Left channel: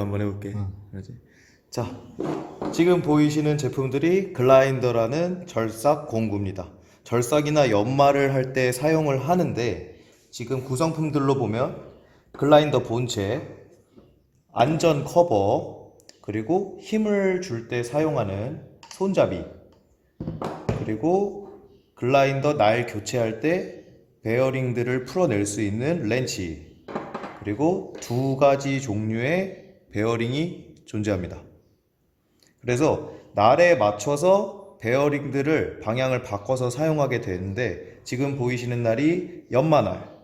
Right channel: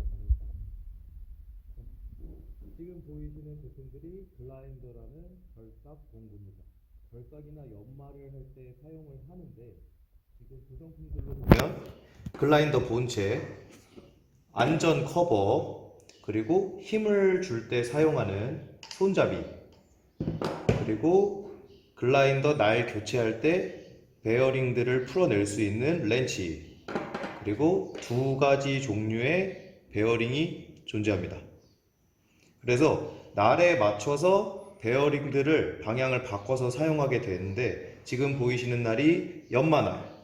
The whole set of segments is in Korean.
한번 해볼게. 그러지. 자, 지금 보이시는 제품들이 글라인더라는 절삭 공구입니다. 절삭이나 연마를 할 때 사용을 하는데 지금 구성품들로 보면 글라인더 본체, 안전 커버, 그리고 힘을 줄 때 사용하는 손잡이, 그리고 글라인더 날 교체할 때 베어링들을 풀어낼 수 있는 렌치, 그리고 두 가지 종류의 베어링이 존재합니다. 그래서 날에 맞춰서 베어링들을 방향을 바꿔서 사용하게 되는데 지금 보이시는 날이 연마날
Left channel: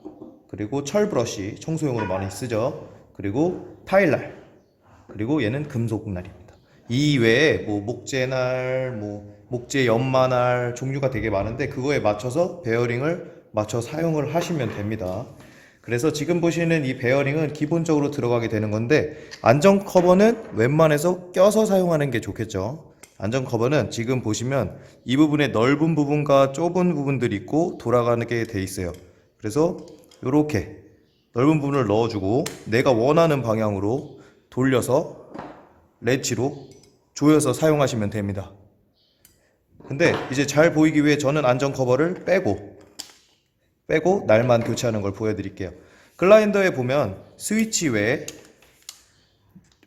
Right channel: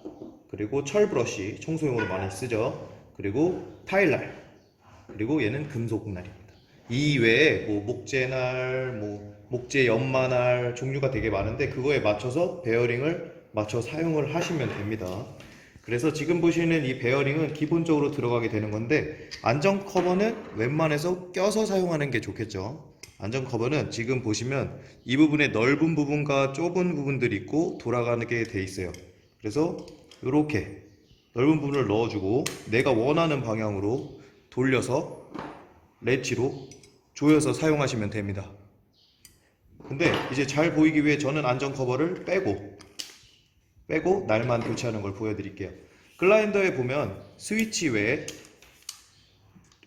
그리고 철 브러쉬 청소용으로 많이 쓰죠. 그리고 타일날 그리고 얘는 금속 날입니다. 이 외에 뭐 목재날, 뭐 목재 연마날 종류가 되게 많은데 그거에 맞춰서 베어링을 맞춰 사용을 하시면 됩니다. 그래서 지금 보시는 이 베어링은 기본적으로 들어가게 되는 건데 안전 커버는 웬만해서 껴서 사용하는 게 좋겠죠. 안전 커버는 지금 보시면 이 부분에 넓은 부분과 좁은 부분들이 있고 돌아가는 게돼 있어요. 그래서 이렇게 넓은 부분을 넣어주고 내가 원하는 방향으로 돌려서 렛치로 조여서 사용하시면 됩니다. 근데 이제 잘 보이기 위해 저는 안전 커버를 빼고 빼고 날만 교체하는 걸 보여드릴게요. 글라인더에 보면 스위치 외에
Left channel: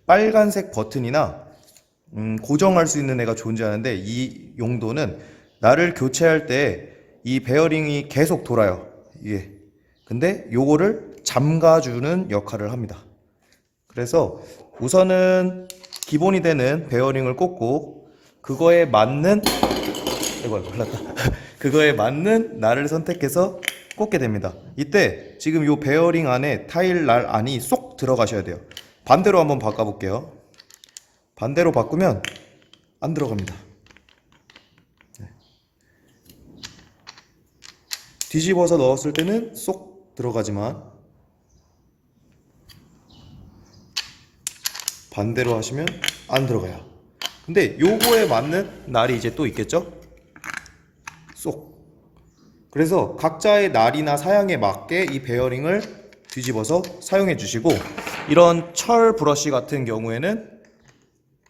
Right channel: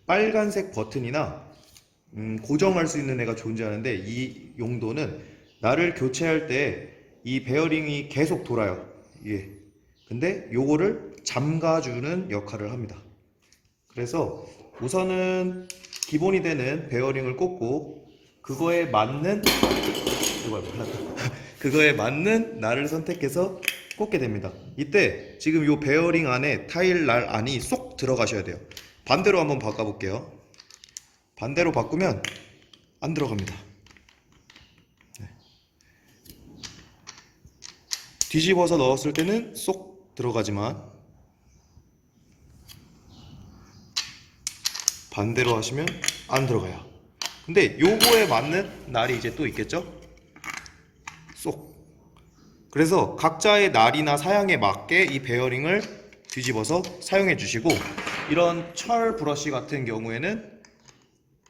빨간색 버튼이나 음, 고정할 수 있는 애가 존재하는데 이 용도는 날을 교체할 때 이 베어링이 계속 돌아요. 이게. 근데 요거를 잠가주는 역할을 합니다. 그래서 우선은 기본이 되는 베어링을 꽂고 그거에 맞는. 그거에 맞는 날을 선택해서 꽂게 됩니다. 이때 지금 요 베어링 안에 타일 날 안이 쏙 들어가셔야 돼요. 반대로 한번 바꿔볼게요. 반대로 바꾸면 안 들어갑니다. 네. 뒤집어서 넣었을 때는 쏙 들어가지만 반대로 하시면 안 들어가요. 근데 요거에 맞는 날이 이제 또 있겠죠? 쏙. 그래서 각자의 날이나 사양에 맞게 이 베어링을 뒤집어서 사용해 주시고 이런 철 브러쉬 같은 경우에는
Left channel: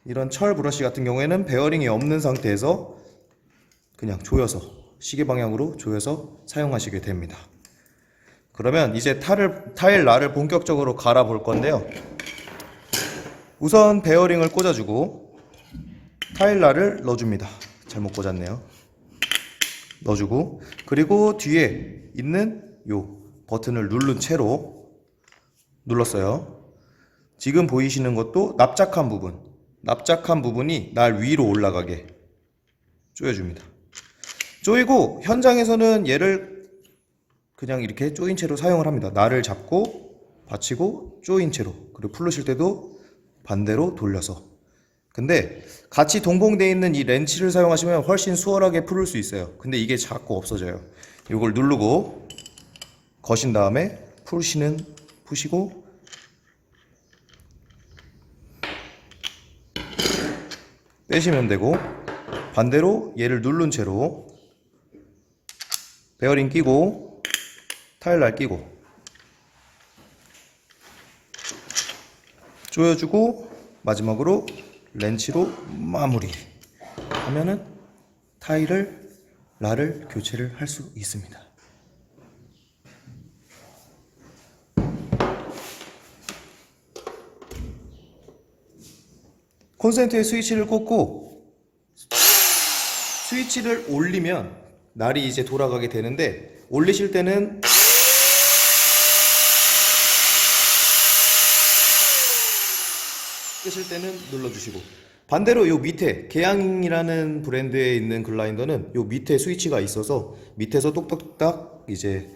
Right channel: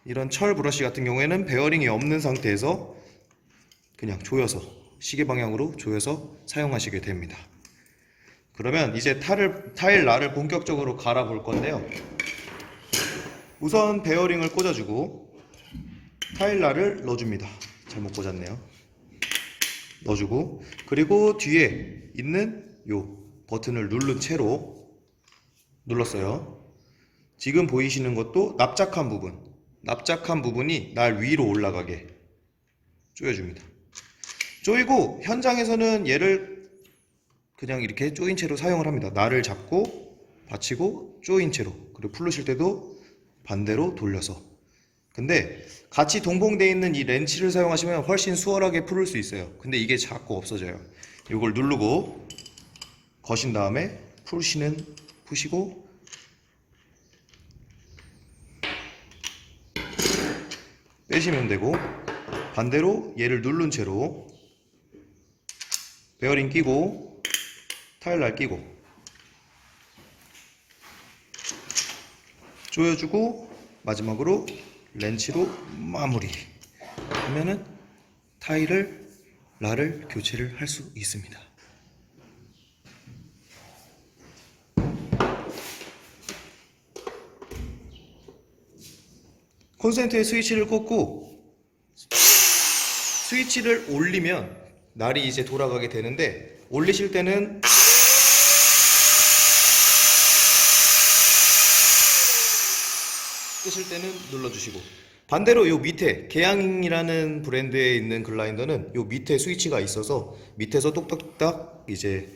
이런 철 브러쉬 같은 경우에는 베어링이 없는 상태에서 그냥 조여서 시계 방향으로 조여서 사용하시게 됩니다. 그러면 이제 타를, 타일 날을 본격적으로 갈아 볼 건데요. 우선 베어링을 꽂아주고 타일 날을 넣어줍니다. 잘못 꽂았네요. 넣어주고 그리고 뒤에 있는 요 버튼을 누른 채로 눌렀어요. 지금 보이시는 것도 납작한 부분, 납작한 부분이 날 위로 올라가게 조여줍니다. 조이고 현장에서는 얘를 그냥 이렇게 조인 채로 사용을 합니다. 날을 잡고 받치고 조인 채로 그리고 풀으실 때도 반대로 돌려서 근데 같이 동봉되어 있는 이 렌치를 사용하시면 훨씬 수월하게 풀을 수 있어요. 근데 이게 자꾸 없어져요. 이걸 누르고 거신 다음에 푸시는 푸시고 빼시면 되고 반대로 얘를 누른 채로 베어링 끼고 타일날 끼고 조여주고 마지막으로 렌치로 마무리 하면은 타일을 라를 교체를 할 수 있습니다. 콘센트에 스위치를 꽂고 스위치를 올리면 날이 이제 돌아가게 되는데 올리실 때는 끄실 때는 눌러주시고 반대로 요 밑에 개양이라는 브랜드에 있는 글라인더는 요 밑에 스위치가 있어서 밑에서 똑딱똑딱 이제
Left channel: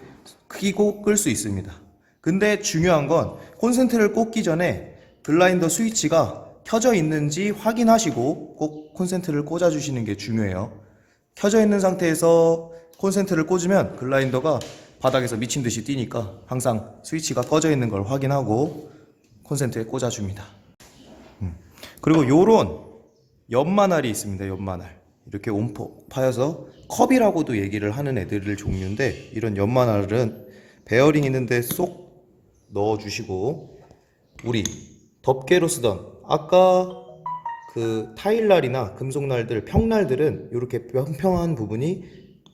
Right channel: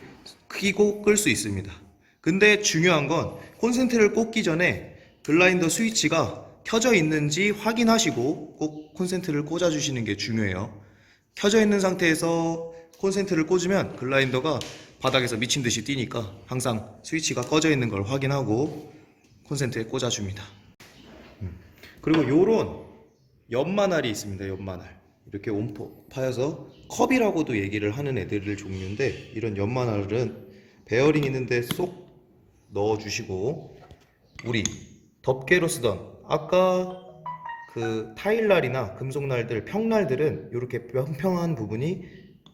키고 끌 수 있습니다. 근데 중요한 건 콘센트를 꽂기 전에 글라인더 스위치가 켜져 있는지 확인하시고 꼭 콘센트를 꽂아 주시는 게 중요해요. 켜져 있는 상태에서 콘센트를 꽂으면 글라인더가 바닥에서 미친 듯이 뛰니까 항상 스위치가 꺼져 있는 걸 확인하고 콘센트에 꽂아 줍니다. 그리고 요런 연마날이 있습니다. 연마날. 이렇게 온포 파여서 컵이라고도 얘기를 하는 애들 종류인데 이런 연마날은 베어링 있는데 쏙 넣어 주시고 우리 덮개로 쓰던 아까 그 타일날이나 금속날들, 평날들은 이렇게 평평한 부분이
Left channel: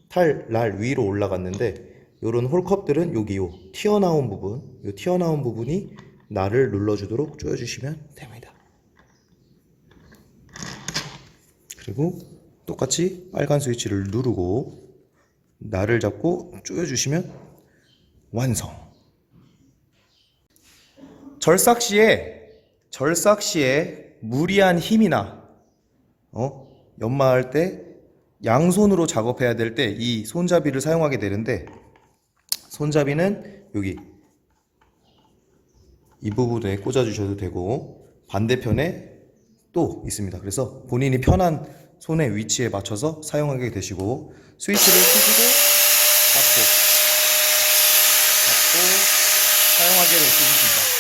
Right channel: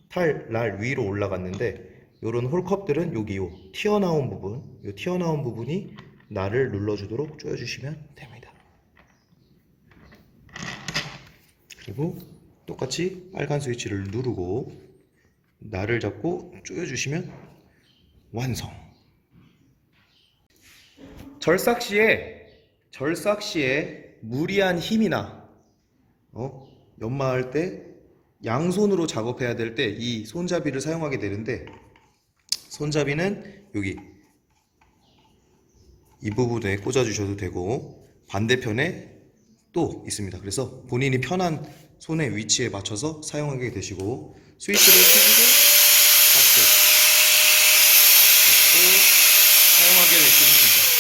탈날 위로 올라갔는데 이런 홀컵들은 여기 요 튀어나온 부분, 요 튀어나온 부분이 날을 눌러주도록 조여주시면 됩니다. 그리고 똑같이 빨간 스위치를 누르고 날을 잡고 조여주시면 완성. 절삭 시에 절삭 시에 무리한 힘이나 어? 연마할 때 양손으로 작업해야 될 때 이 손잡이를 사용하게 되는데 손잡이는 여기 이 부분에 꽂아 주셔도 되고 반대편에 또 있습니다. 그래서 본인이 편한 손의 위치에 맞춰서 사용하게 되시고 스위치를 켜시고 닫고 닫고 사용하게 되십니다.